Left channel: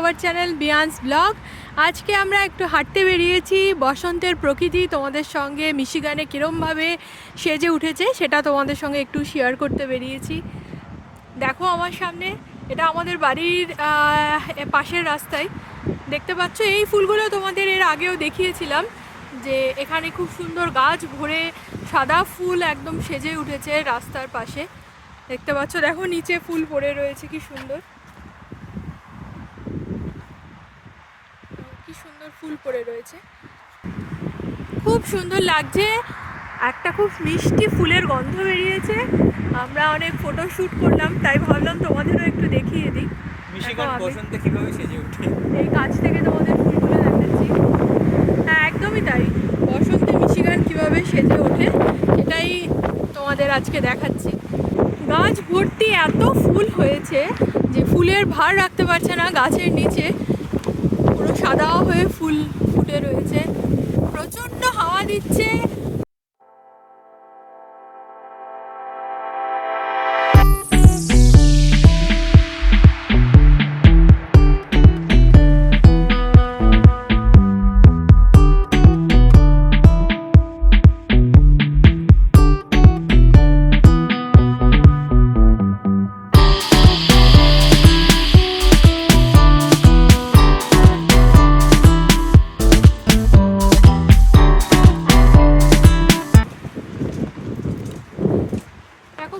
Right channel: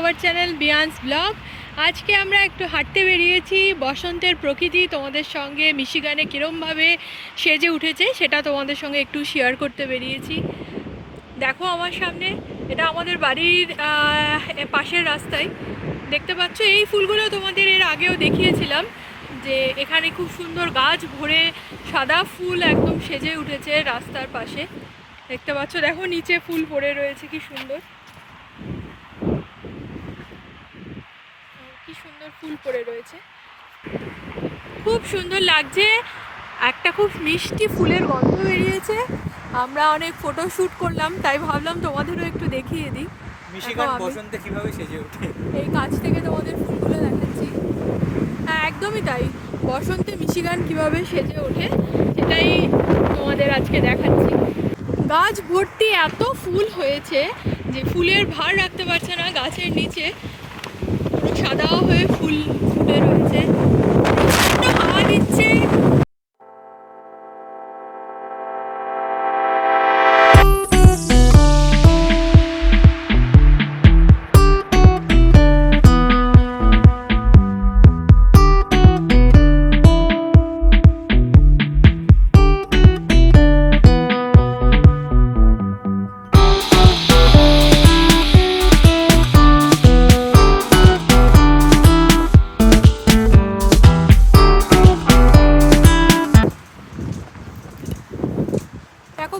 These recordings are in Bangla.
Our channel বিয়ান্স blog. আজকে আমরা একটু হাঁটতে বেরিয়েছি। বসন্তের প্রকৃতি তোমাদের সঙ্গে মিশিগানে কীরমভাবে সেজে উঠেছে সেটা তোমাদের সঙ্গে একটু শেয়ার করতে বেরিয়েছি। দেখো আমার সামনে, এটা আমাদের বাড়ির পাশের রাস্তায় দেখতে পাচ্ছ। এই ফুলগুলো তোমাদের এর আগেও দেখিয়েছিলাম যে এখানে খুব সুন্দর গাছ ভরে সাদা ফুল একদম সেজে উঠেছে রাস্তার পাশে। দেখতে পাচ্ছ, দেখো নিচে ফুল পড়ে রয়েছে, কি সুন্দর কি সুন্দর ফুল পড়ে রয়েছে, খুব সুন্দর লাগছে। একটা খুব মিষ্টি ফুলের গন্ধ বেরিয়েছে। আমরা অনেক ফটো শ্যুট করলাম, তাই ভাবলাম তোমাদেরও একটু দেখিয়ে দিই। এই কাছ থেকে তোমাদের ফুলগুলো দেখাচ্ছি। হ্যাঁ, একদমই তাই। বসন্তে মিশিগান কিভাবে সেজে ওঠে সেটাই তোমাদের আজকে দেখাচ্ছি। গাছ ভর্তি এত ফুল হয়েছে যে ফুলের ভার রাখতে পারছে না গাছের নিচে, পুরো সাদা হয়ে ফুল ফুটে রয়েছে। প্রচণ্ড হাওয়া দিচ্ছে।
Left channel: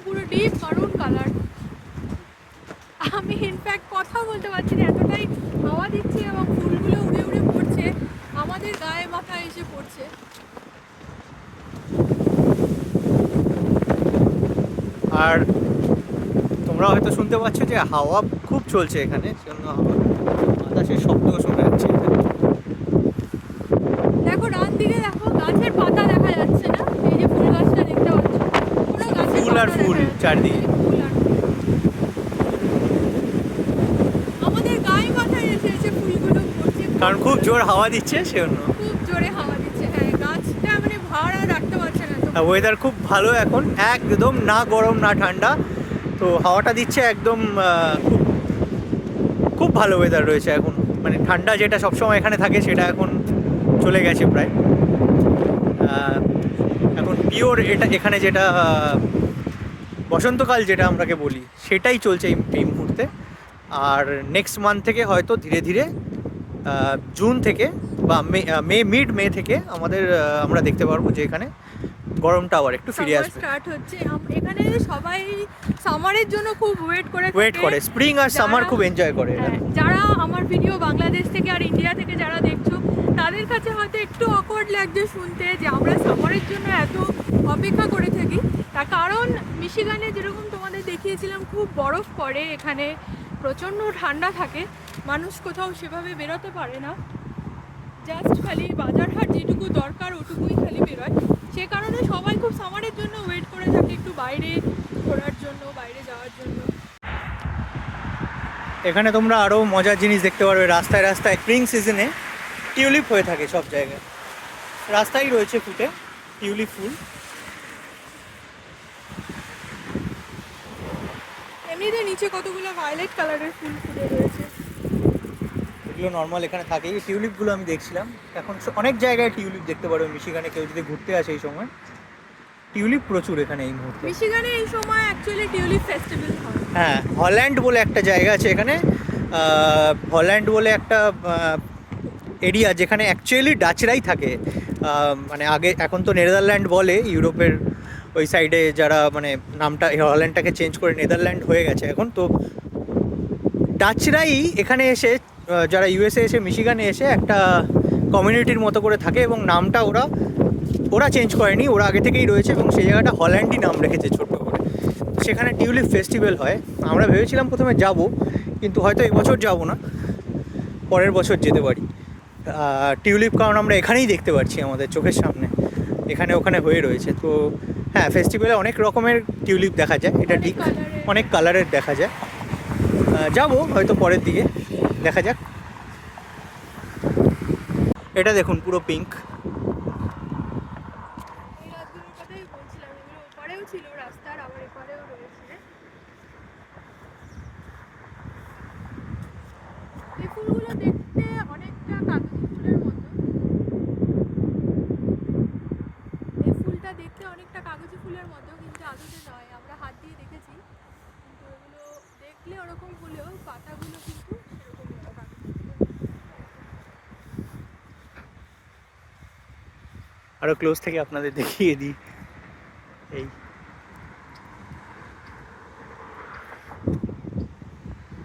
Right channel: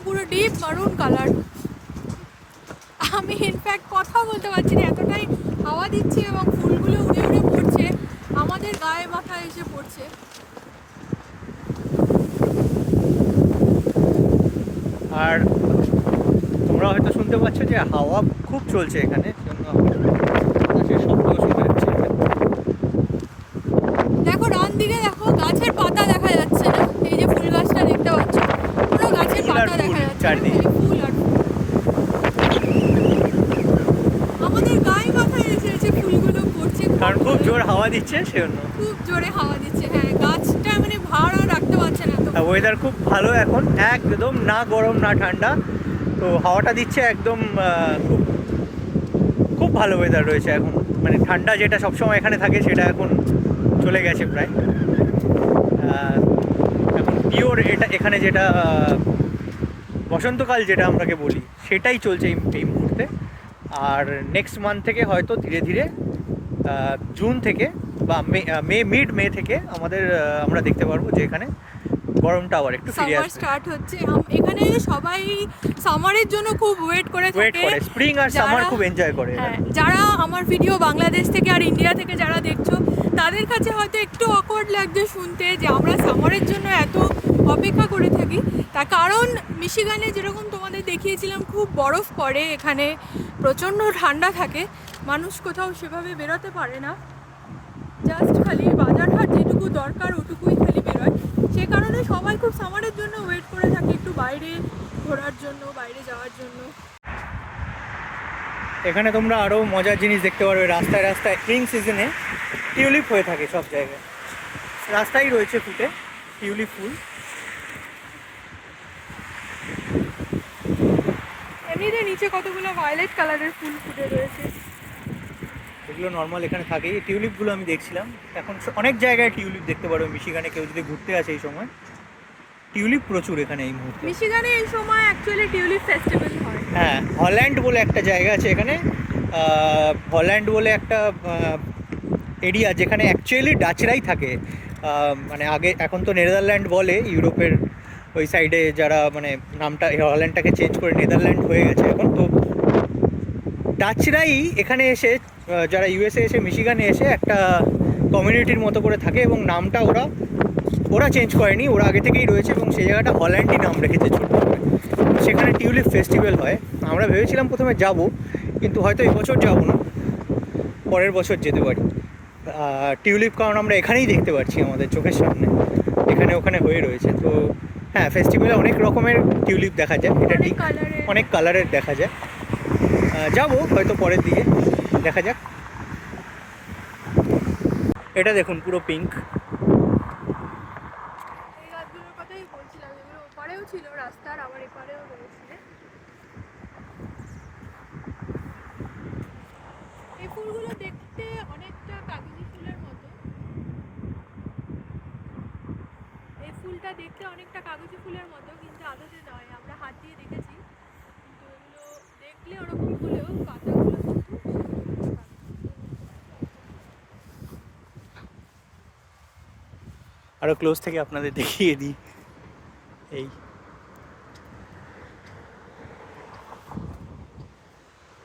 পুরো ডিপ মারুন কালার। আমি ইনফ্যাক্ট কথা বলতে পারছি না, এতটাই হাওয়া দিচ্ছে এবং ফুলগুলো উড়ে উড়ে পড়ছে, আমাদের গায়ে মাথায় এসে পড়ছে। আর তোমরা হয়তো শুনতে পাচ্ছ যে হাওয়া খুব চলছে এখানে, জন্য আকাশের শব্দও শোনা যাচ্ছে। দেখো ডান দিকে, দেখো গাছের পাতা দেখা যাচ্ছে না। এই যে ফুল গাছটা দেখতে পাচ্ছ, পুরো গাছের পাতা দেখা যাচ্ছে, চারদিকে ফুল আর আমাদের গায়ে মাথায় এসে ফুলগুলো পড়ছে, কারণ খুব জোর হাওয়া দিচ্ছে, সেজন্য খুব জোরে হাওয়া দিচ্ছে। হ্যাঁ, গাছটা মানে ভার আর রাখতে পারছে না। তো ওয়েদার খুব ভালো এখন, একদম না গরম না ঠান্ডা, তো হাওয়াটা দিচ্ছে একদম। খুব খুব ভালো ওয়েদার রয়েছে এখন। মানে ঠান্ডা যেটা সবসময় এখানে থাকে সেটা এখন চলে গেছে প্রায়। এখন পিওর এটা এখানে যেটা বসন্তকাল যেটা আমরাকে বলি সেটাই চলছে এই মুহূর্তে। আর নেক্সট মান্থ থেকে হয়তো ধীরে ধীরে জুন থেকে বা মে থেকে আমরা দেখতে পারবো যে এখানে গরমটা আবার একটু ফিরে আসবে, স্টার্ট হচ্ছে। এখানে সবাই সামারের জন্য খুব ওয়েট করে স্প্রিং আর সামার খুব এনজয় করে। যারা আমার ভিডিও বাংলাদেশ থেকে আর ইন্ডিয়া থেকে যারা দেখছো, তাদের কাছে হয়তো একটু অকওয়ার্ড লাগছে শুনতে যে আমরা সামারের জন্য এত অপেক্ষা করে থাকি। তার কারণ মিশিগানে যেরকম তোমাদের দেখিয়েছিলাম, খুব বরফ পড়ে, এখানে প্রচণ্ড ঠান্ডা থাকে, মানুষ কোথাও সেভাবে বেরোতে পারে না। জাস্ট খালি বাজারহাট যেটুকু দরকার ওটুকুই খালি বেরোয়। সে কারণে সবাই খুব সামারের জন্য ওয়েট করে থাকে, একটু বাইরে ঘোরার জন্য, বাইরে যাওয়ার জন্য। এখানে তোমরা আরও মজার জিনিস দেখতে পারবে। রাস্তায় রাস্তায় স্প্রিং সিজনে টিউলিপ হয়ে থাকে সব জায়গায়, রাস্তায় রয়েছে ফুটে টিউলিপ ফুল। এমনিতে নিচে কতগুলো ভায়োলেট কালারের ফুল ফুটে রয়েছে, এগুলো নর্মাল এখানে থাকে। এই টিউলিপগুলো আমি দেখছিলাম, এখন অনেক জায়গায় টিউলিপ দেখতে পারো মিশিগানে। কেউ যদি ঘুরতে আসে এই সময়, টিউলিপ প্রচুর এখানে এই মুহূর্তে। মিশিগানে এই সময় অ্যাকচুয়ালি টিউলিপ ফেস্টিভ্যাল হয়। হ্যাঁ, হল্যান্ড বলে একটা জায়গা আছে এখানে। হল্যান্ড বলে একটা এরিয়া যেখানে অ্যাকচুয়ালি ডাচরাই থাকে। মানে আগে, এখন তো নেদারল্যান্ড বলে ইউরোপের ওই সাইডে, যারা মানে নামটা হল্যান্ডটাকে চেঞ্জ করে নেদারল্যান্ড হয়ে গেছে এখন। তো ডাচরাই এখানে এসে, যারা ইউএসএ এসে মিশিগানে এসে একটা কমিউনিটির মতো করে থাকে, এবং নামটা ওরা চেঞ্জ করেনি, ওরা আগে থেকেই রয়েছে, এবং সেই জায়গাটা হল্যান্ডই নাম রেখেছে ছোট্ট করে। সেখানে টিউলিপ ফেস্টিভ্যাল হয়। আমরা ভেবেছিলাম প্রথমে যাব, কিন্তু হয়তো এবছর যাব না, পরের বছর যেতে পারি। টিউলিপ কারণ আমরা এখানেই দেখতে পাচ্ছি আমাদের চোখের সামনে, এখানে ওখানে হয়ে রয়েছে। তো হ্যাঁ, ফেস্টিভ্যালে অনেক রকমের টিউলিপ দেখা যায়, এটা ঠিক, অনেক কালারের দেখা যায়। যাবো হয়তো পরের দিকে, দেখা যাক। এটা দেখুন পুরো পিঙ্ক। এই গাছগুলোর কথাই বলছিলাম, এগুলো ওপারেও ছিল রাস্তার, আবার এপারেও রয়েছে। এই ফুল ফুলগুলো দেখতে অনেকটা কাগজি ফুলের মতো। এই ফুলটা দেখতে অনেকটা কাগজি ফুলের মতো, কিন্তু আদতে নয়। আমরা হাত দিয়ে দেখেছি, কিন্তু এগুলো দেখলে ওরকম হলেও পাতাগুলো কিন্তু সেরকম কাগজি ফুলের। আরো ক্লোজ থেকে আপনাদের দেখিয়ে দিই। এই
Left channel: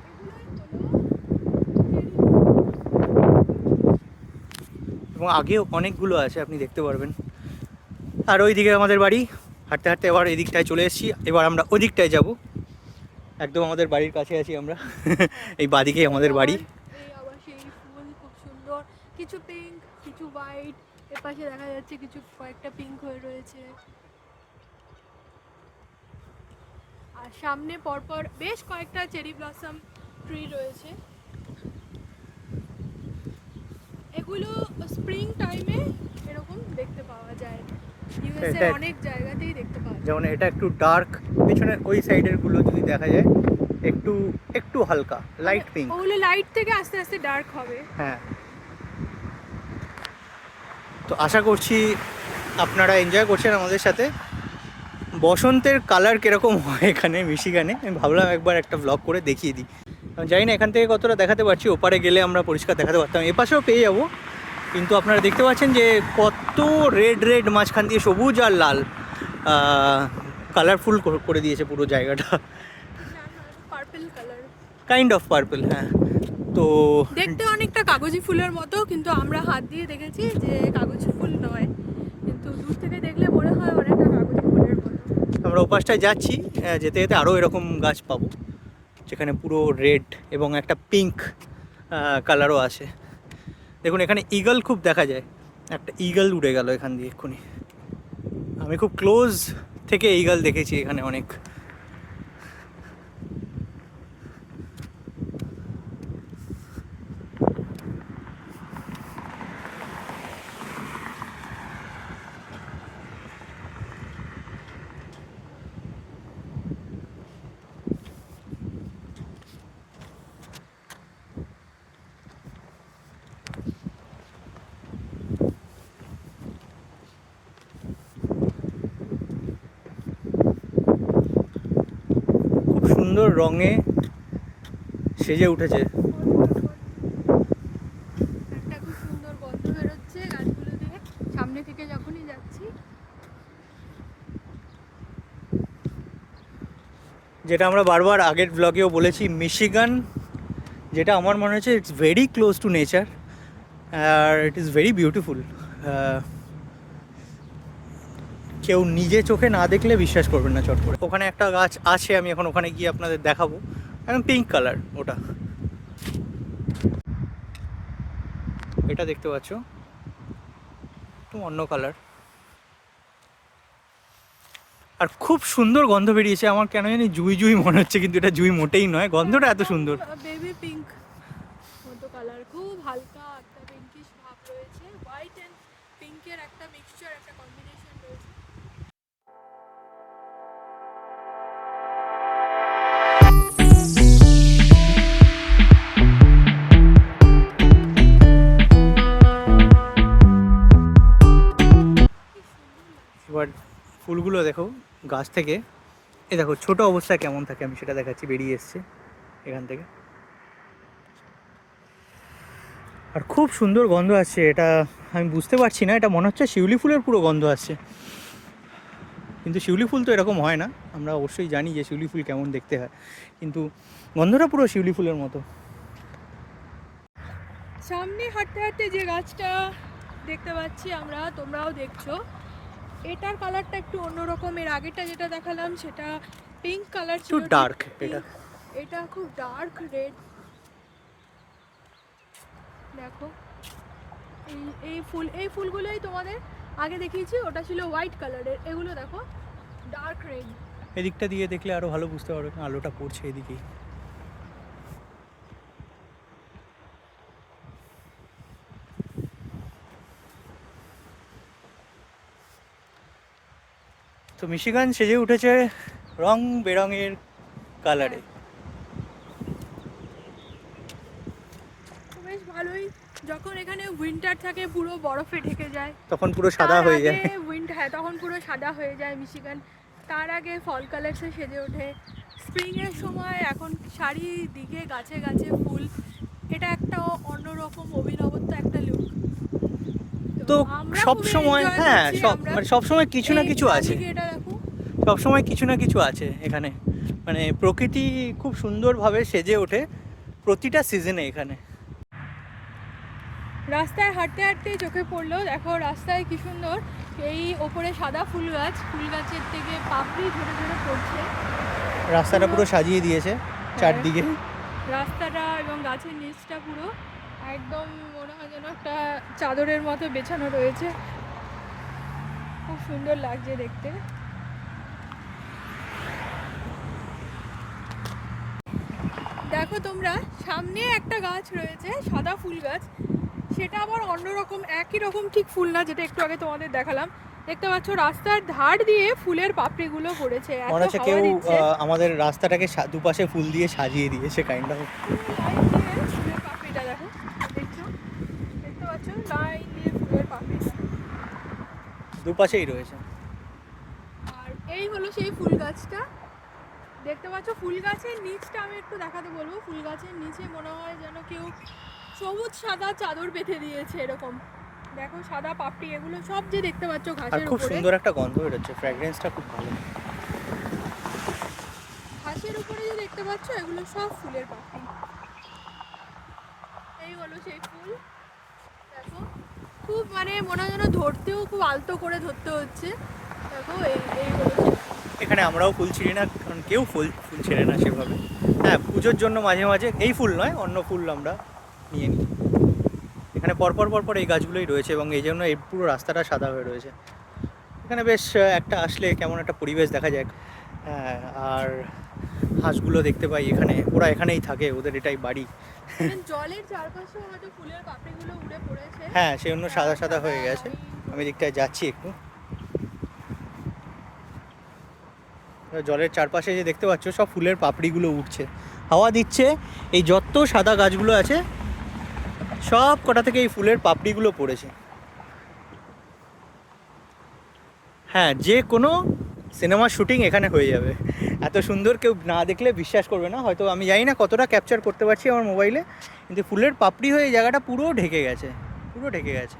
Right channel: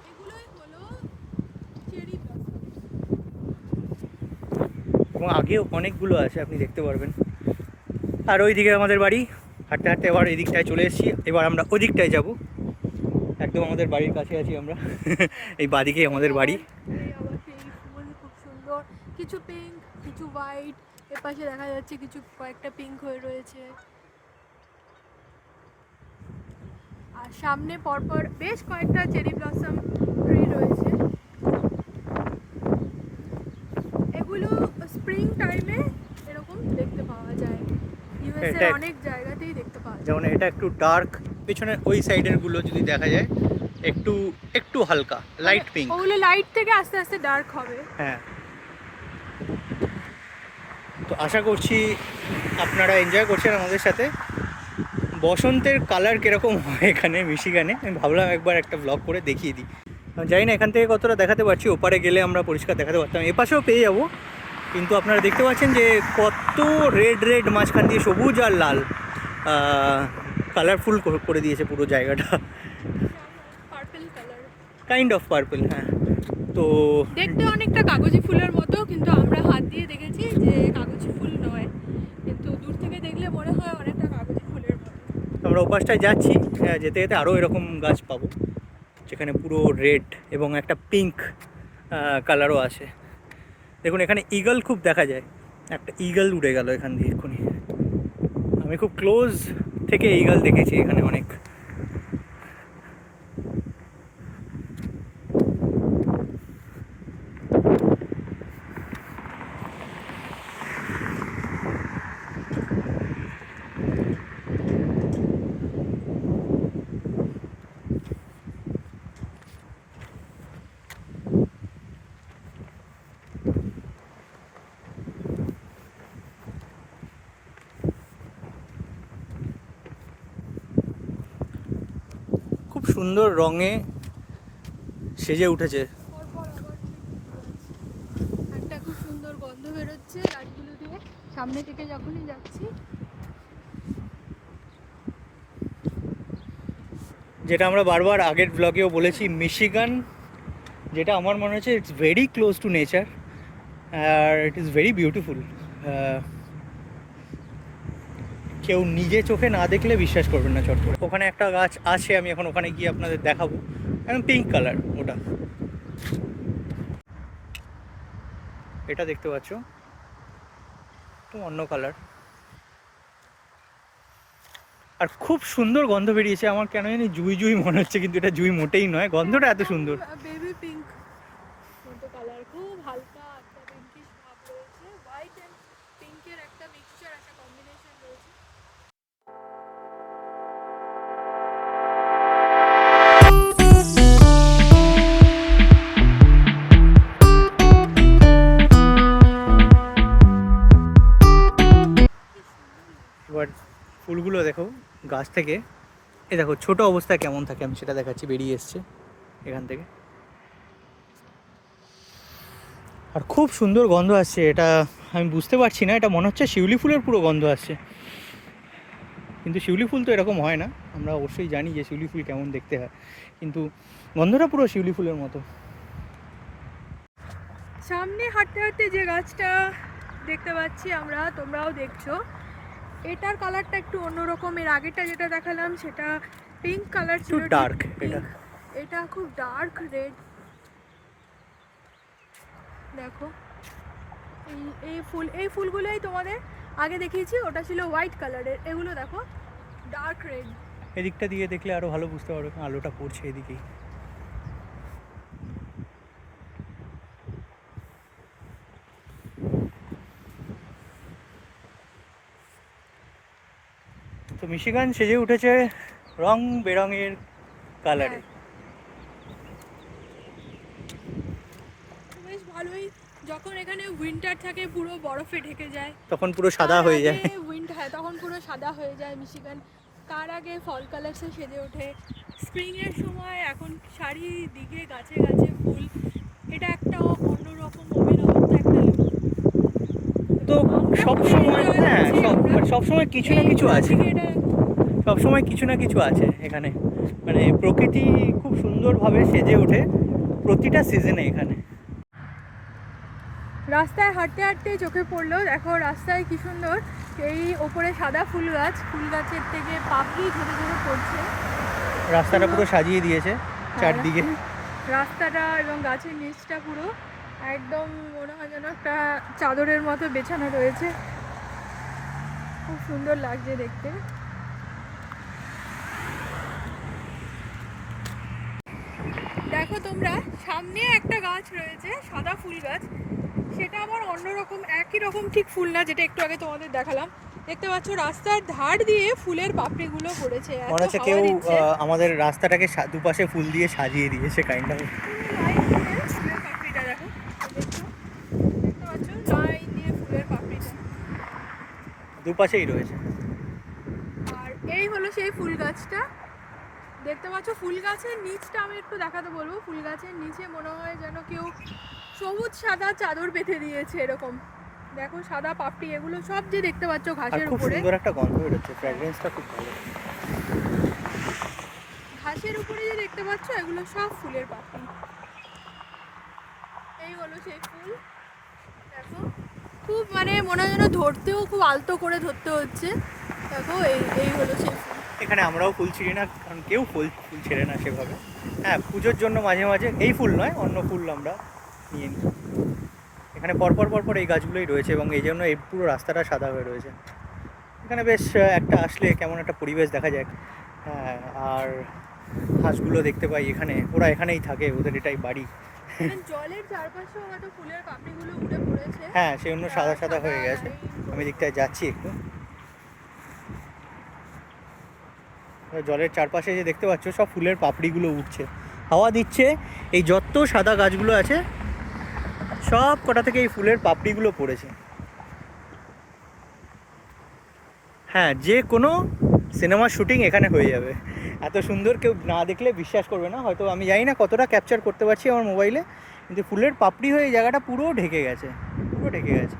এগুলোই হলো চেরি। এবং আগেও অনেকগুলো আছে, আপনি দেখতে পারবেন। আর ওইদিকে আমাদের বাড়ি। হাঁটতে হাঁটতে এবার এই দিকটায় চলে এসেছি, এবার আমরা ওই দিকটায় যাবো। একদম আমাদের বাড়ির কাছে আছি আমরা। এই বাদিকেই আমাদের বাড়ি। এই আবার সেই ফুল খুব সুন্দর, কিছু পিঙ্ক কিছু হোয়াইট। এর পাশে দেখা যাচ্ছে কিছু কয়েকটা পিঙ্ক হয়ে রয়েছে। আর সামনে পরপর বেশ কয়েকটা চেরি ব্লসম ট্রি রয়েছে। এগুলো স্প্রিং টাইমে এরকম দেখতে পাওয়া যায়, ইউএসএ এটা অনেক জায়গাতেই দেখতে পাওয়া যায়। যেমন এটা একটু ডার্ক, পিছনের ওই সাইডের গুলো যদি দেখা যায় একটু একটু হালকা লাইট পিঙ্ক। ওগুলো লাইট থেকে আস্তে আস্তে ডার্ক হবে। হ্যাঁ, তো আশা করছি আপনারা এনজয় করছেন আমাদের সাথে। বসন্তের কালার কীরকম হয় এখানে মিশিগানে, আমি ভাবলাম একবার একটা ব্লগ করে দেখিয়ে দিই। আমি জানি না এখান থেকে কতটা দেখাতে পারছি, ওপারে গেলে আমরা পরিষ্কার দেখাতে পারতাম, এপাশেও পেয়ে যাবো। কিন্তু আপনারা দেখতে পাচ্ছেন যে কত রেড রেড, মাঝখান দিয়ে সবুজ আর লাল কালারফুল করে দিয়েছে পুরো জায়গাটা। Purple colour, kind of purple, হ্যাঁ। তো দেখতে অনেকটা কাগজি ফুলের মতো, কিন্তু আমরা হাত দিয়ে দেখেছি যে কাগজি ফুল নয়, কিন্তু দূর থেকে দেখলে মনে হয় অনেকটা কাগজি ফুলের মতো। আমরা ওপাশটায় যাচ্ছি, যেতে যেতে আরও এরকম গাছ পাবো যেখানে পুরো রেড এবং একটা পিঙ্ক কালারও আছে। দেখুন এখানে ঈগল খুব দেখা যায়, একটা ঈগল উড়ে গেল এখান দিয়ে এক্ষুনি। আমি খুব ক্লোজ থেকে ঈগল দেখেছি এখানে অনেক। সুন্দর রঙে সেজে উঠেছে। একটা খুব সুন্দর গন্ধ বেরোচ্ছে গাছগুলো দিয়ে, সামনে থেকে যখনই যাচ্ছি। যেটা আমরা বারবার আগের ব্লগেও বলেছি, মিশিগান যেটা আমার মনে হচ্ছে it's very close to nature আর ইট ইজ ভেরি বিউটিফুল। কেউ নিজে চোখে না দেখলে বিশ্বাস করবেন না চট করে। ওখানে একটা গাছ আছে, আমি এখন ওখানে গিয়ে আপনাদের দেখাবো। একদম পিঙ্ক কালার ওটা, এটা দেখতে পাচ্ছ একটু অন্য কালার। আর খুব সুন্দর গন্ধ বেরিয়েছে, আমার কেন জানি জুই জুই মনে হচ্ছে, কিন্তু এটা জুই মোটেই নয়, গন্ধটা এত সুন্দর। বেবি পিঙ্ক মতো কালার, খুব হালকা একটা পিঙ্কিশ ভাব রয়েছে, হোয়াইট এন্ড পিঙ্কের একটা মিক্সচার, একটা কম্বিনেশন রয়েছে। এবার ফুলগুলো দেখো গাছ থেকে, এ দেখো ছোট অবস্থায় কেমন থাকে, আমি সেটা দেখাচ্ছি। বেরিয়ে এসছে এখান থেকে, আর খুব সুন্দর গন্ধ আসছে। এটা আমি বুঝতে পারছি না, এটা মনে হচ্ছে শিউলি ফুলের পুরো গন্ধ আসছে, কিন্তু শিউলি ফুল তো এরকম হয় না। আমরা অবশ্যই জানি যে শিউলি ফুল কেমন দেখতে হয়, কিন্তু গন্ধটা পুরো শিউলি ফুলের মতো। সামনে হাঁটতে হাঁটতে যে গাছটা দেখতে পাচ্ছি আমরা, তোমরাও দেখছো, এটার কালারটা একটু অন্যরকম। এর আগেরটা যেটা দেখালাম সেটা পিঙ্ক কালার ছিল, একটু ডার্ক এটা। এটা খুব ডার্ক রেড। দেখো এই ফুলগুলোই তোমাদের আগে দেখিয়েছি, ওটা ছিল হোয়াইট কালারের, এগুলো দেখো ডার্ক রেড। এদিকটা দিয়ে দেখলে আরো ভালো বুঝতে পারবে, আলোটা পড়ছে এদিকেই। তো মিশিগান সেজে উঠেছে রং বেরঙের কালারে। খুব যখন এখানে উইন্টার থাকে পুরো বরফে ঢেকে যায়, তখন পুরো সাদা হয়ে যায়। উইন্টার, হ্যাঁ তখন পুরো সাদা হয়ে যায় মিশিগান। তার আগে ফল কালার্সে সেজে ওঠে। স্প্রিংয়ের সময় এখন চারিদিকে গাছে গাছে ফুল, এটা একটা অন্যরকম অভিনবত্ব একটা লুক। তো সব সময়, হ্যাঁ সব সময় কিছু না কিছু আছে, সব সময় কিছু না কিছু আছে এখানে। মানে প্রকৃতি খুব সুন্দরভাবে সেজে ওঠে প্রতিটা সিজনে এখানে। রাস্তায় হাঁটতে হাঁটতে চোখে পড়লো, দেখো রাস্তায় কি সুন্দর এই ওপরে সাদা ফুল গাছ, ফুল গাছের থেকে পাপড়ি ধরে ধরে পড়ছে। রাস্তাটা পুরো সাজিয়ে দিয়েছে চারদিকে, রাস্তাটা এবং গাছের নিচটা পুরো একদম মনে হয় যেন একটা চাদরের মতো বেছানো রয়েছে, খুব সুন্দর লাগছে দেখতে। দেখো তোমরা সামনে একটা গাছ রয়েছে সাদা ফুল গাছ, সেটা আবার অন্যরকম, একই রকম ঠিক ফুল না যেটা একটু আগে তোমাদের দেখালাম। দেখতে পাচ্ছ রাস্তার ধার দিয়ে ফুলের পাপড়িগুলো পড়েছে, মনে হচ্ছে কেউ আমাদের রাস্তাটাকে দুপাশে ফুল দিয়ে সাজিয়ে দিয়েছে কাইন্ড অফ। ফুলের পাপড়িটা দেখো, দেখতে পাচ্ছ লাইন দিয়ে ফুলের পাপড়িটা দুপাশেই রয়েছে। আর এই হলো সেই ফুল গাছটা, দেখতে পাচ্ছ ফুল গাছের নিচটা আমি একটু দেখাতে বলবো। ফুল গাছের নিচে মনে হয় যেন কেউ সবুজ সাদা চাদর পেতে দিয়েছে এরকম। দেখো সাদা পাপড়ি এগুলো সব যে দেখতে পাচ্ছ আর ঘাসের খুব উপরে, সুন্দর একটা গন্ধ বেরোচ্ছে, ফ্র্যাগ্রেন্সটা খুব ভালো। ঘাসের উপরে যে দেখতে পাচ্ছ এগুলো সব ফুলের পাপড়ি। এই হলো সেই ফুল, দেখো খুব মানে মনে হয় যেন ধরতেও খুব আলতো করে ধরতে হচ্ছে। দেখো এই হলো সেই ফুল। এখানে আমরাও ফুল ছিঁড়ি না, কারণ কেউ ফুল ছেড়ে না সেভাবে। হ্যাঁ পুজোর জন্য মাঝে মাঝে, এই ফুল নয় অন্য ফুল আমরা নিয়ে নিই। এখানে পরপর পরপর এই গাছগুলোই রয়েছে এবং এই জন্য এই পুরো রাস্তাটা সাদা হয়ে রয়েছে। এখানে বেশ একটা আসলে কেমন একটা পরিবেশ দেখা যায়। হ্যাঁ, আর হাঁসগুলো দেখতে পাই এখানে, ওরা এখানেই থাকে, ওদের এটাই বাড়ি। জলের চারপাশেও হয়তো ফুলের পাপড়িগুলো উঠে পড়েছে। হ্যাঁ সেই জন্য সাদা সাদা হয়ে গেছে। আমি দিকটায় যাচ্ছি একটু, জলের চারপাশে যে দেখতে পাচ্ছ সব ফুলের পাপড়িগুলো উঠছে, হাওয়া দিচ্ছে, এই যত সাদা গাছগুলো আছে সব কটা থেকে এই ফুলের পাপড়িগুলো পড়েছে। হ্যাঁ যে কোনো সিনেমার শুটিং এখানে হয়ে যাবে, এত সুন্দর কেউ না দেখলে বিশ্বাস করবে না। হয়তো আমি জানি না কতটা ক্যাপচার করতে পারছি আমার মোবাইলে, কিন্তু ফুলের পাপড়ি হয়ে এই জায়গাটা পুরো ঢেকে গেছে, পুরো ঢেকে গেছে।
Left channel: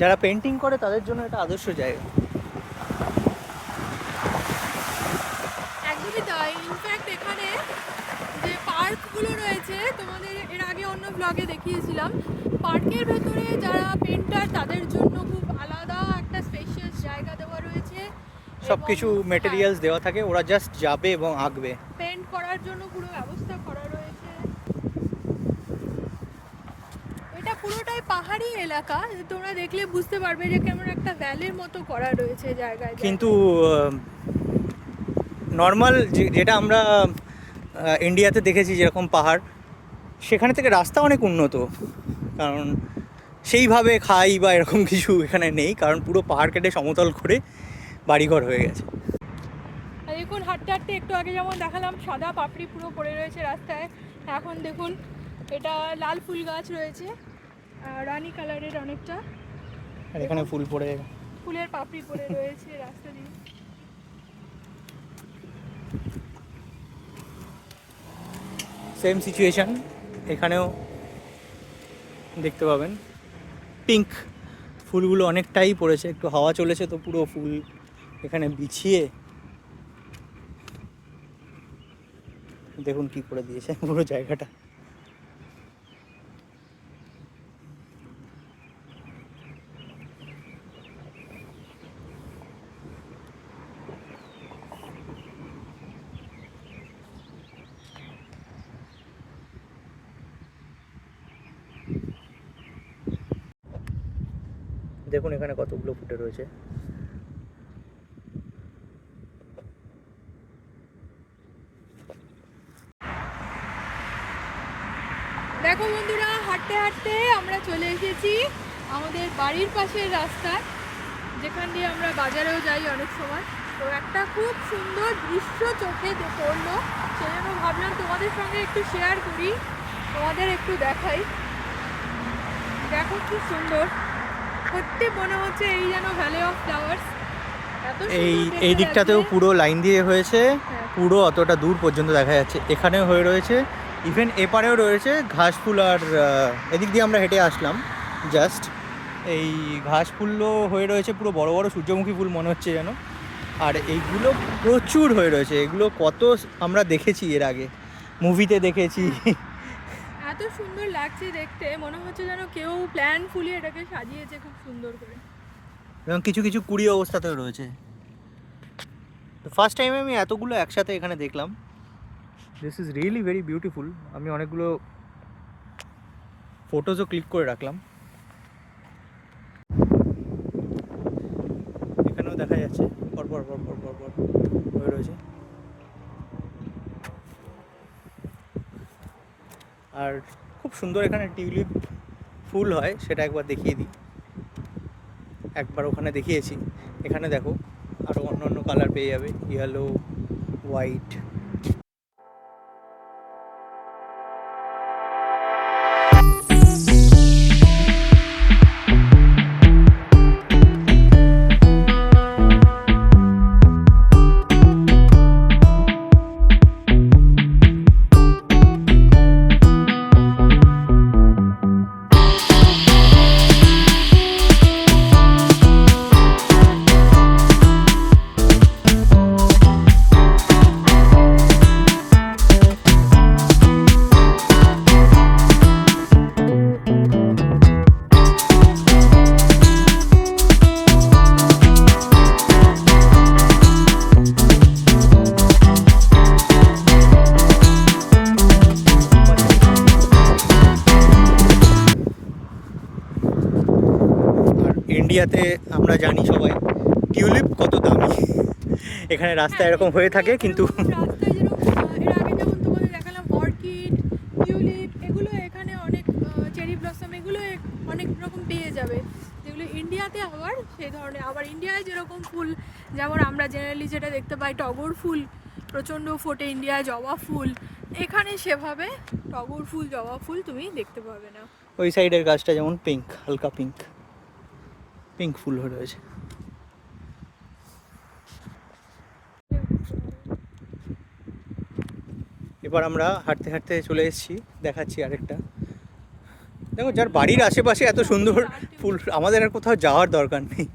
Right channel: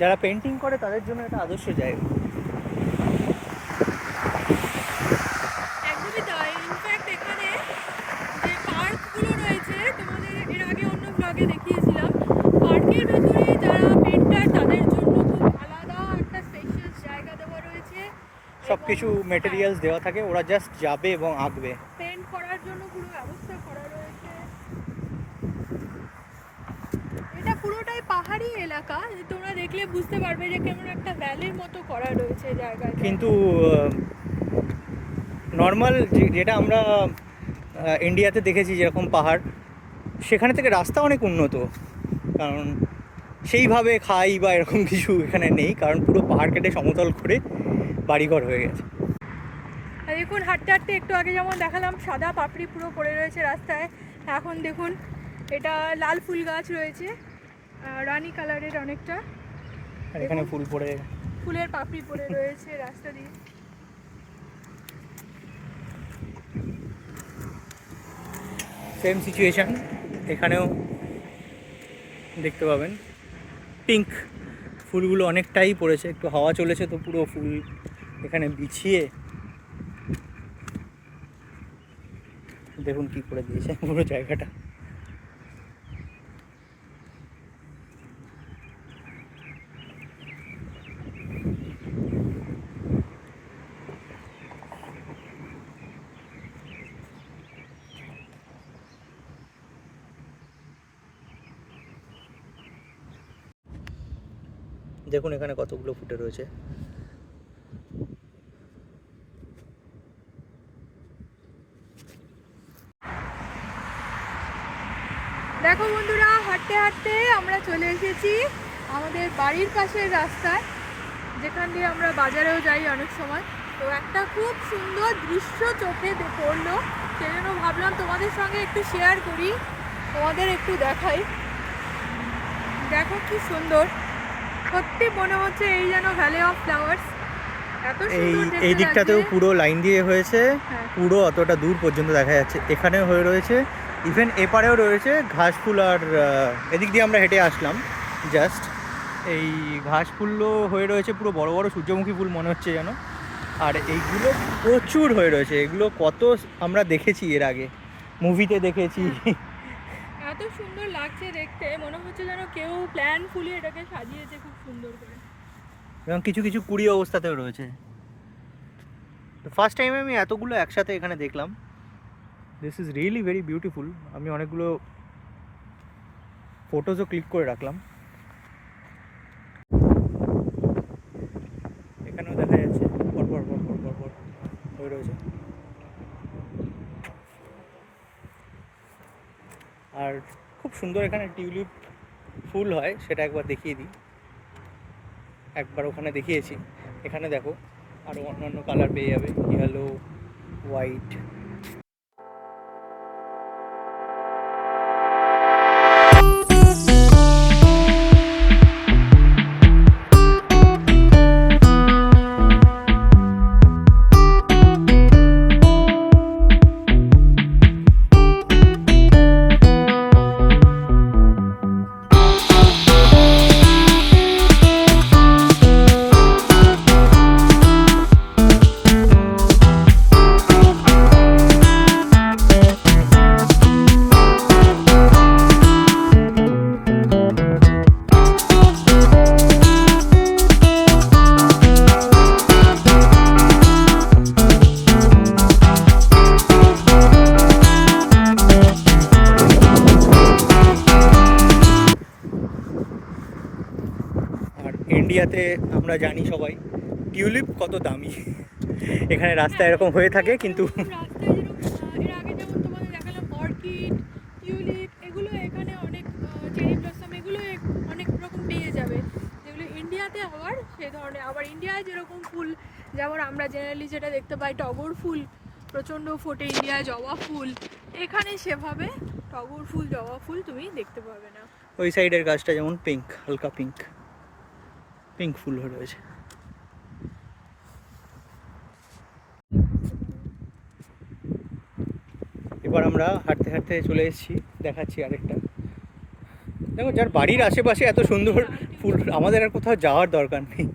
যারা পেন্টিং করে তাদের জন্য এটা আদর্শ জায়গা। একদমই তাই। ইনফ্যাক্ট এখানে যে পার্কগুলো রয়েছে তোমাদের এর আগে অন্য ব্লগে দেখিয়েছিলাম, পার্কের ভেতরে যারা পেন্টার তাদের জন্য খুব আলাদা একটা স্পেশাল জায়গা দেওয়া রয়েছে। সব কিছু মেটেরিয়ালস দেওয়া থাকে, ওরা জাস্ট যাবে এবং আঁকবে। পেন্ট করার জন্য পুরো ব্যবস্থা করা রয়েছে। এটা পুরোটাই পাহাড়ি এলাকা, তোমরা দেখলে বুঝতে পারবে যে কেমন একটা ভ্যালির মতো করা রয়েছে জায়গায়। কিন্তু নর্মাল যেটা আমরা ইন্ডিয়াতে দেখেছি যেরকম পাহাড়, সেখানে থেকে রাস্তা অনেক উন্নত, কারণ সেইভাবে খাই বা এরকম কিছু এখানে নেই, কারণ পুরো পাহাড় কেটে সমতল করে বাড়িঘর হয়ে গেছে। দেখুন হাঁটতে হাঁটতে একটু আগে যেমন দেখালাম সাদা পাপড়ি পুরো পড়ে রয়েছে রাস্তায়, এখন দেখুন এটা লাল ফুল গাছ রয়েছে, রানী কালারের অনেকটা, আর এখানে ফুল পড়ে, ফুলের পাপড়ি পড়ে রয়েছে রাস্তা দিয়ে। সেম সিচুয়েশান এখানেও দেখতে পাবেন, পিঙ্ক ফুলগুলো অনেকটাই পড়েছে, একটু হাওয়া চলেছে তো পুরো ফুল এখানে বিছিয়ে দেখুন কি করে দিয়েছে পুরো জায়গাটা। দেখুন এখানে কতগুলো ফুটে রয়েছে। দেখো বন্ধুরা হাঁটতে হাঁটতে আমরা চলে এসেছি আমাদের বাড়ির পাশের রাস্তায়, যেখান দিয়ে আমরা বাজারেও যাই অনেক সময়, তো একটা খুব সুন্দর দৃশ্য চোখে পড়লো, সেই জন্য ভাবলাম তোমাদের সঙ্গে একটু শেয়ার করি, তোমাদের একটু দেখাই। দেখো কি সুন্দর, সত্যি মনে হচ্ছে এই যেন ভ্যালি অফ ফ্লাওয়ার্স। এই দিকটাতেও পুরো লাইন দিয়ে হয়েছে, পুরো অতটা দূর পর্যন্ত দেখা যাচ্ছে। এখানেও হয়ে রয়েছে, ইভেন এপারেও রয়েছে ঘাস ফুল। আর এদিক দিয়ে আমরা হেঁটে আসলাম জাস্ট, এই ঘাস ফুলও হয়ে রয়েছে, পুরো বড় বড় সূর্যমুখী ফুল মনে হচ্ছে যেন। আর এইগুলো প্রচুর হয়ে রয়েছে, এগুলো কত আমরা দেখেছি এর আগে, মুভিতে দেখেছি। এত সুন্দর লাগছে দেখতে, মনে হচ্ছে যেন কেউ প্ল্যান ফুলিয়ে এটাকে সাজিয়েছে খুব সুন্দর করে। এবং কিছু কিছু কুড়ি অবস্থাতেও রয়েছে। তো ফার্স্ট টাইম আমি এতগুলো একসাথে এখানে দেখলাম। This is really very beautiful. আমি অনেকগুলো ফটোজও ক্লিক করে রাখলাম। এখানেও দেখা যাচ্ছে পরপর পরপর পরপর হয়ে রয়েছে। আর খুব সুন্দর এখানে টিউলিপ ফুল হয়, সেটা একবার দেখিয়ে দিই। একবার ওখানে দেখিয়েছি, এখানে দেখো আরও অন্য অন্য কালার পেয়ে যাবে, ইয়েলো, হোয়াইট। ইন্ডিয়াতে আমরা জানি সবাই টিউলিপ কত দামি। এখানে রাস্তা এরকম হয়ে থাকে, কিন্তু দেখালাম অর্কিড, টিউলিপ, এগুলো এখানে অনেক, চেরি ব্লসম, এগুলো অনেক রকম পেয়ে যাবে, যেগুলো ইন্ডিয়াতে হওয়ার সে ধরনের। আবার ইন্ডিয়ায় যেরকম ফুল, যেমন আমরা জেনারেলি যেটা দেখতে পাই টগর ফুল প্রচণ্ড ফোটে ইন্ডিয়ায়, জবা ফুল, এখানে সেভাবে টগর ফুল, জবা ফুল তুমি দেখতে পাবে না। ওই সাইডের গাছটা যেমন পিঙ্ক, হালকা পিঙ্ক পিঙ্ক ফুল হয়ে রয়েছে। এবার আমরা হাঁটতে হাঁটতে চলে এসেছি, দেখাচ্ছি আরেকটা। দেখো, যার বাড়ির আশেপাশে এত সুন্দর ফুল, আমাদের আর কোথাও যাওয়ার দরকার নেই।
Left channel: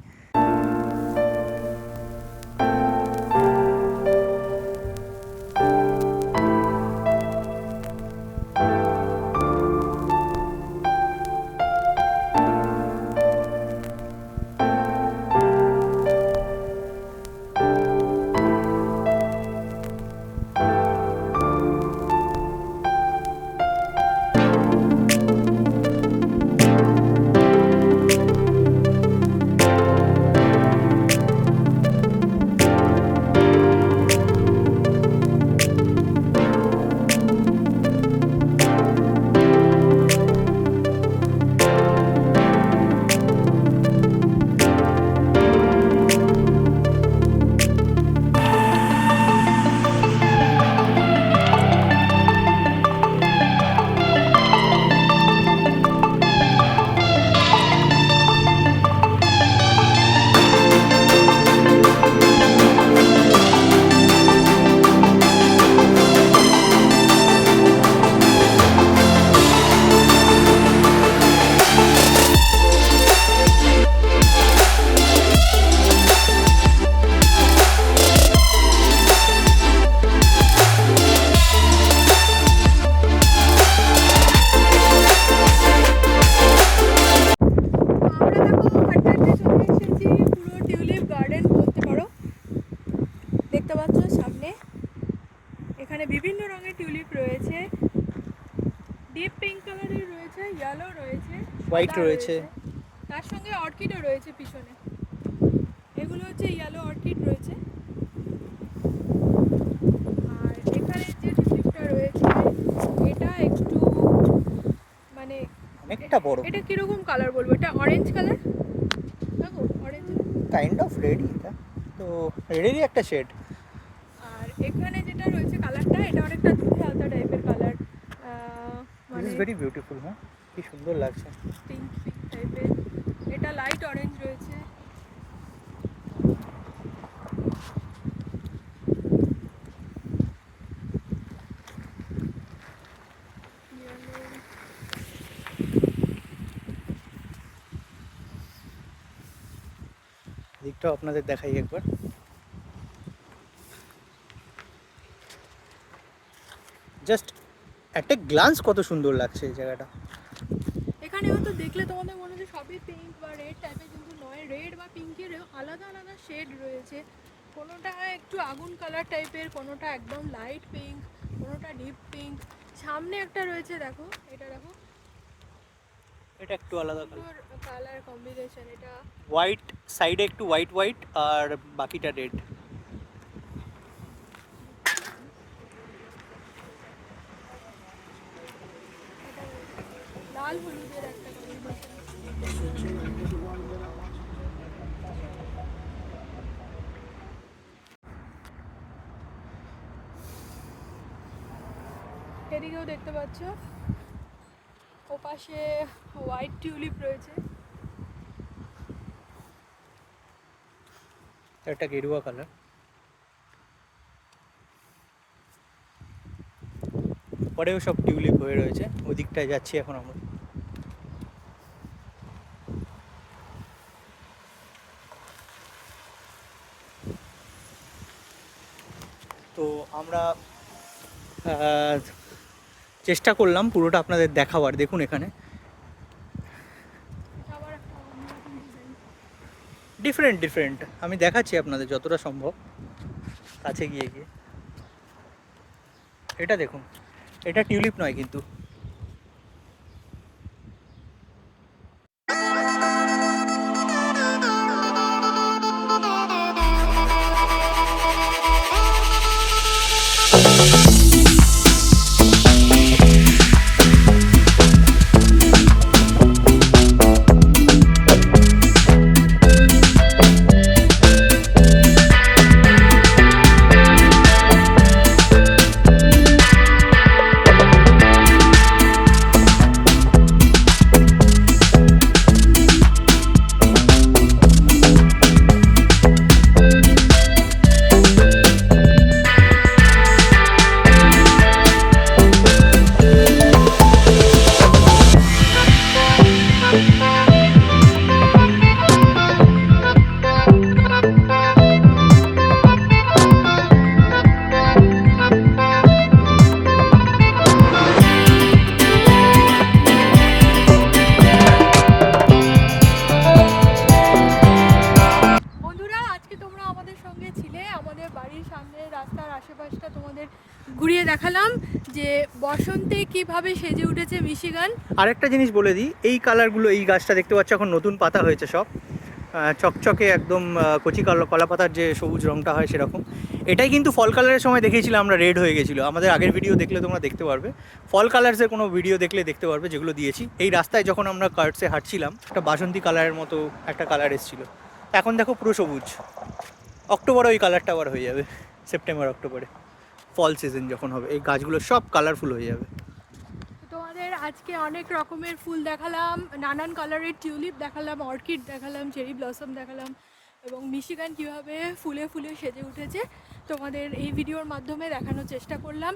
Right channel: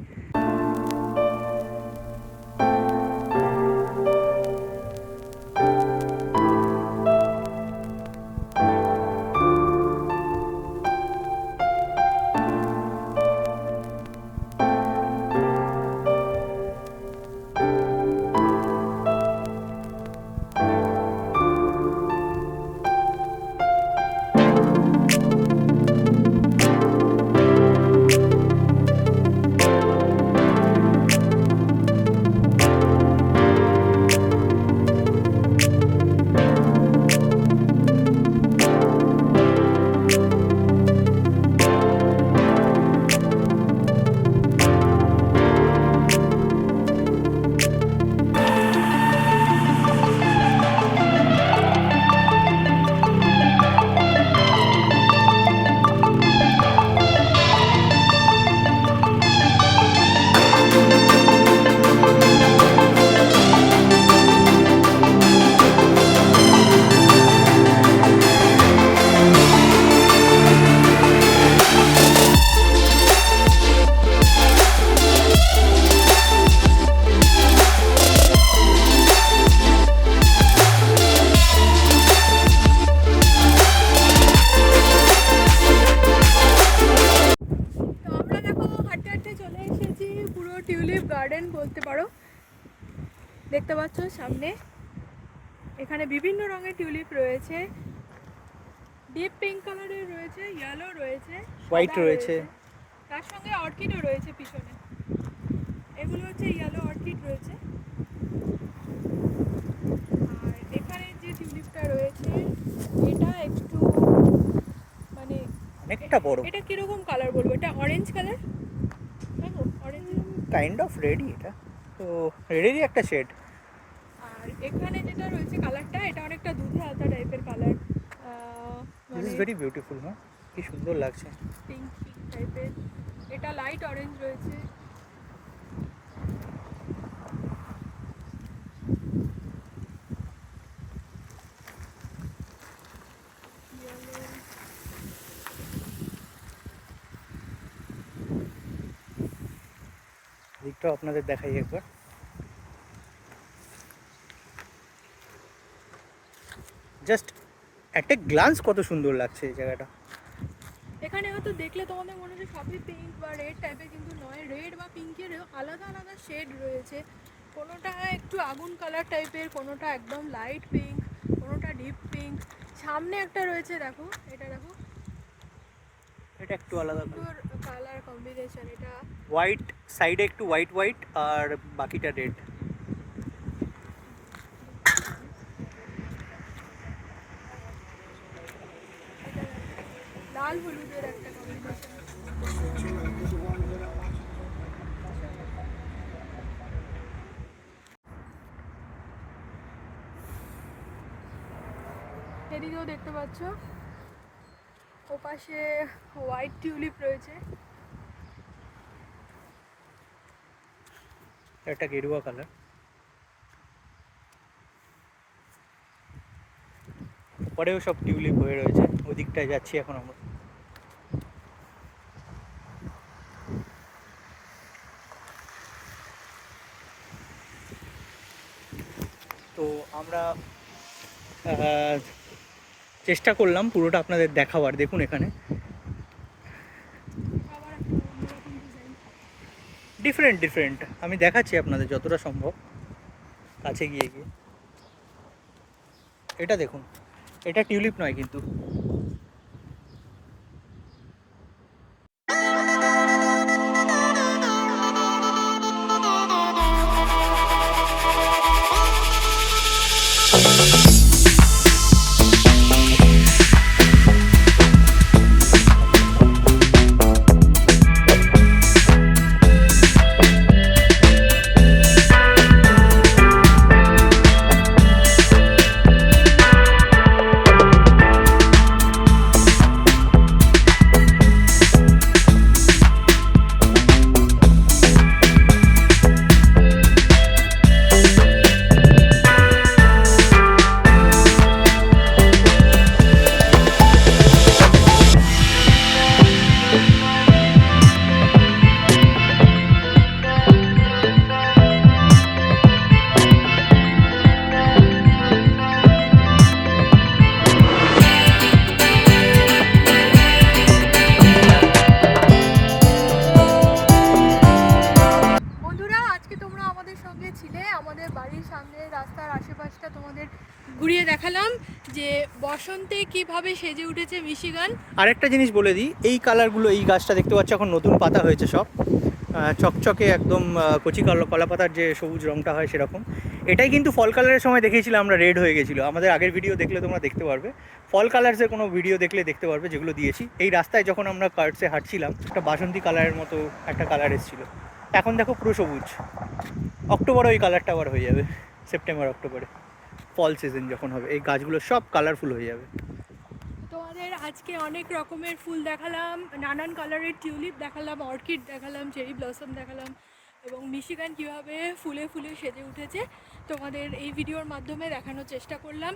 দেখতে পাচ্ছ সামনে, এখানে বিভিন্ন রঙের টিউলিপ রয়েছে, ডিপ পিঙ্ক কালারের রয়েছে, ইয়েলো রয়েছে, হোয়াইট রয়েছে, তার সঙ্গে অর্কিডও রয়েছে পিছনে। এগুলো হচ্ছে ইয়েলো অর্কিড রয়েছে। আর এখানে যে টিউলিপটা রয়েছে এটা একটু মানে অনেকটা বড়। এটা কিরকম কালার বলবো, এটা অরেঞ্জ কালার, দেখো অরেঞ্জ, কাইন্ড অফ রেডই, এটা তো রেডেরই একটা শেড। আর এখানে যেটা রয়েছে কালারটা, এটা অনেকটা দুধ হালকা টাইপের colour, this is very beautiful. হ্যাঁ, কি সুন্দর লাগছে। পিঙ্ক পিঙ্ক টাইপের, এটা লাইট অরেঞ্জ রয়েছে। দিকটাও আপনাদের দেখাই একবার। জাস্ট একটা গ্লান্স কত সুন্দর লাগছে এই জায়গাটা। এখানে হয়তো দেখলে তোমাদের মনে হচ্ছে সবই পিঙ্ক বা রেড টাইপের, কিন্তু নয়, রেড বা পিঙ্কের আলাদা আলাদা শেড রয়েছে। কোনোটা একটু আগুন কালার টাইপের, কোনোটা একদম লাইট পিঙ্ক, কোনোটা ডিপ পিঙ্ক। সামনে একটা রয়েছে দেখো, এটা দেখো, এটা একটু আলাদা কালার, কালার কম্বিনেশন, এটা হোয়াইট সাইডে একটু হোয়াইট হোয়াইট আর বাকিটা রেড। লাল হলুদের একটা কম্বিনেশন। এদিকেও দেখতে পাচ্ছ, ওপাশে হোয়াইট টিউলিপ রয়েছে। একটা গেরুয়া কালার। পরেও সব টিউলিপ হয়ে রয়েছে, ওদিকটায় যাচ্ছি এখন আমরা। তো আমরা চেষ্টা করলাম পুরোটা আপনাদের দেখাবার। দেখুন এখানে আবার একটা অন্যরকম ডিজাইন। ডিফারেন্ট ডিফারেন্ট আমি দেখাচ্ছি আপনাদের যতটা সম্ভব কাছে গিয়ে গিয়ে। এটা দেখুন, এটা টিউলিপ নয় কিন্তু। বন্ধুরা, আজকে তোমরা আমাদের সঙ্গে ছিলে, আমাদের বাড়ির সামনে রাস্তার আশেপাশটা তোমাদের ঘুরিয়ে দেখালাম যে বসন্তে কিভাবে সেজে উঠেছে মিশিগান। আরেকটা জিনিস বলে দিই, এই কালারগুলো, এই গাছটা দেখতে পাচ্ছ এখন নতুন পাতা হয়েছে সব, চকচকে একদম কচি কলা পাতার যে সবুজ রঙটা হয় সেরকম। এটাই কিন্তু ফল কালারের সময় দেখিয়েছিলাম আমরা, রেড হয়ে গেছিলো। আমাদের আগের ভিডিও দেখলে তোমরা দেখতে পারবে, ফল কালার্সের কোনো ভিডিও দেখলে দেখতে পারবে যেগুলো দিয়েছি। এই রাস্তায় যখন আমরা কার্টসে হাঁটছিলাম, একটা বাসন্তী কালারের মতো একটা কালার এসেছিলো। এখন দেখো পুরো সবুজ। অক্টোবরে ওই কালারটা আবার হয়ে যাবে, সেপ্টেম্বর অক্টোবরে ফল সিজন যখন হবে এই গাছগুলো সব কালারফুল হয়ে যাবে। তোমাদের আজকে অনেক রকমের ফুল দেখালাম, নানান কালারের টিউলিপ দেখালাম, অর্কিড দেখালাম, চেরি ব্লসম দেখালাম, এবং মিশিগান কীভাবে ফুলে ফুলে সেজে উঠেছে তোমাদের এই ভিডিওর মাধ্যমে দেখানোর চেষ্টা করলাম।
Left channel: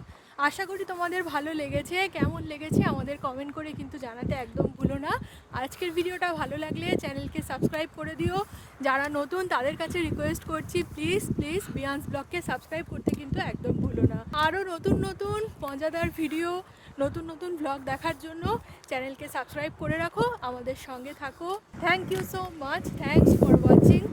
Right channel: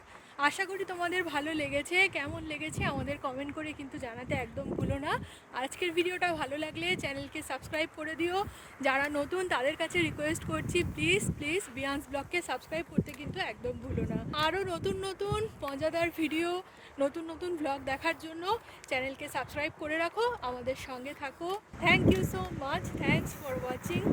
আশা করি তোমাদের ভালো লেগেছে। কেমন লেগেছে আমাদের কমেন্ট করে কিন্তু জানাতে একদম ভুলো না। আজকের ভিডিওটা ভালো লাগলে চ্যানেলকে সাবস্ক্রাইব করে দিও। যারা নতুন তাদের কাছে রিকোয়েস্ট করছি, প্লিজ প্লিজ বিয়ান্স ব্লগকে সাবস্ক্রাইব করতে কিন্তু একদম ভুলো না। আরও নতুন নতুন মজাদার ভিডিও, নতুন নতুন ব্লগ দেখার জন্য চ্যানেলকে সাবস্ক্রাইব করে রাখো, আমাদের সঙ্গে থাকো। Thank you so much, thanks for watching.